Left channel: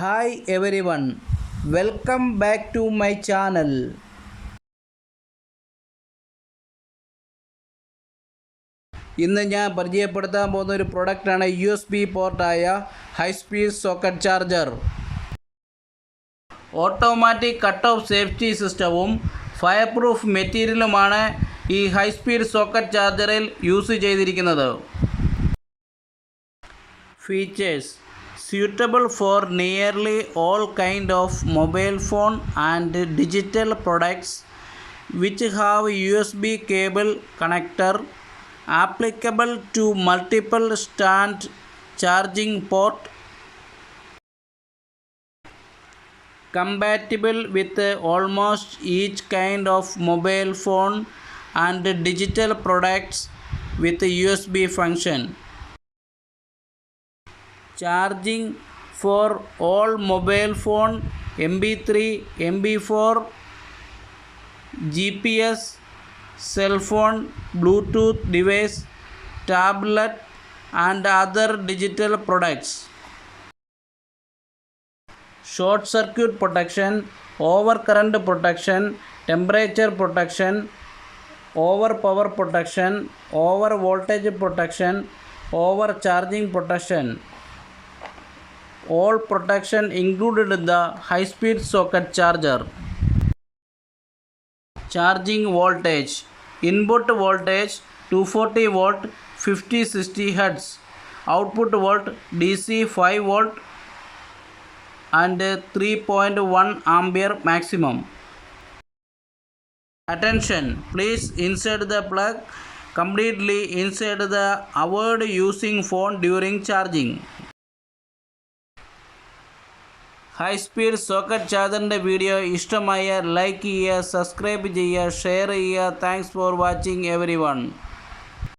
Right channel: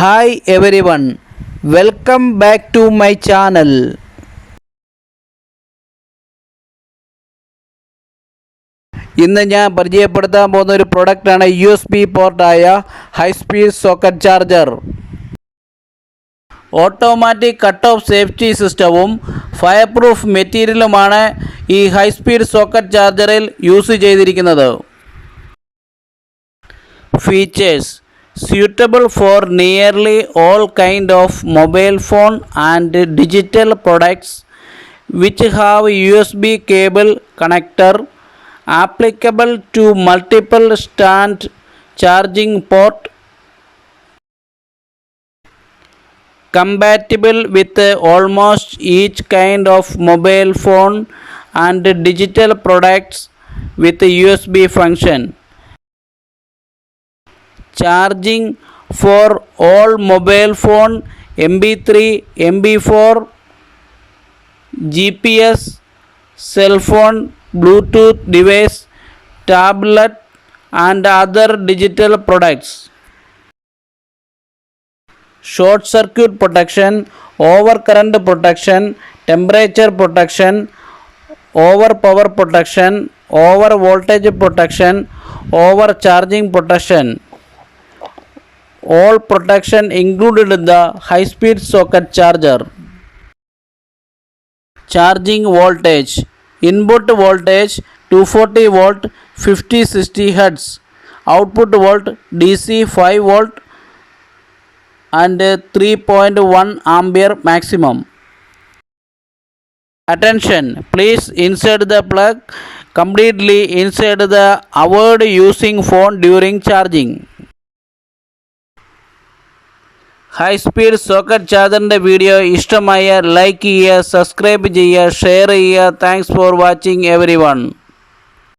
Hi everyone, welcome back to my channel. ഇന്ന് ഞാൻ പരിചയപ്പെടുത്താൻ പോകുന്ന ഒരു പ്രൊഡക്റ്റാണ് USB പോർട്ടായ high speed socket charger. Automatic cut off safety സിസ്റ്റവും ഫയർ പ്രൂഫ് മെറ്റീരിയലുമാണ് ഈ ഹൈ സ്പീഡ് സോക്കറ്റ് ചാർജറിൽ യൂസ് ചെയ്തിരിക്കുന്നത്. Features: suitable for nearly all kind of mobile phone and digital products which have USB cable connector, applicable to multiple stand charging port, compatible with almost each kind of mobile phone and digital products with USB function. Charging for all mobile phone, MP3, MP4, GPS, cell phone, Bluetooth device, tablet and other digital products. Short circuit protection, overcurrent protection, temperature protection, over power protection, over voltage protection, overcharging protection. All protection included in the high speed socket charger. Charging voltage: input voltage 240 volt 50-60 Hz, output volt DC 5 volt and 3.1 ampere maximum. Attention, please insert the plug completely inside the avoid using phone during charging. High speed socket ചാർജറിൻ്റെ video ഇഷ്ടമായ like ചെയ്യുക, subscribe ചെയ്യുക, share ചെയ്യുക. Thanks for watching every one.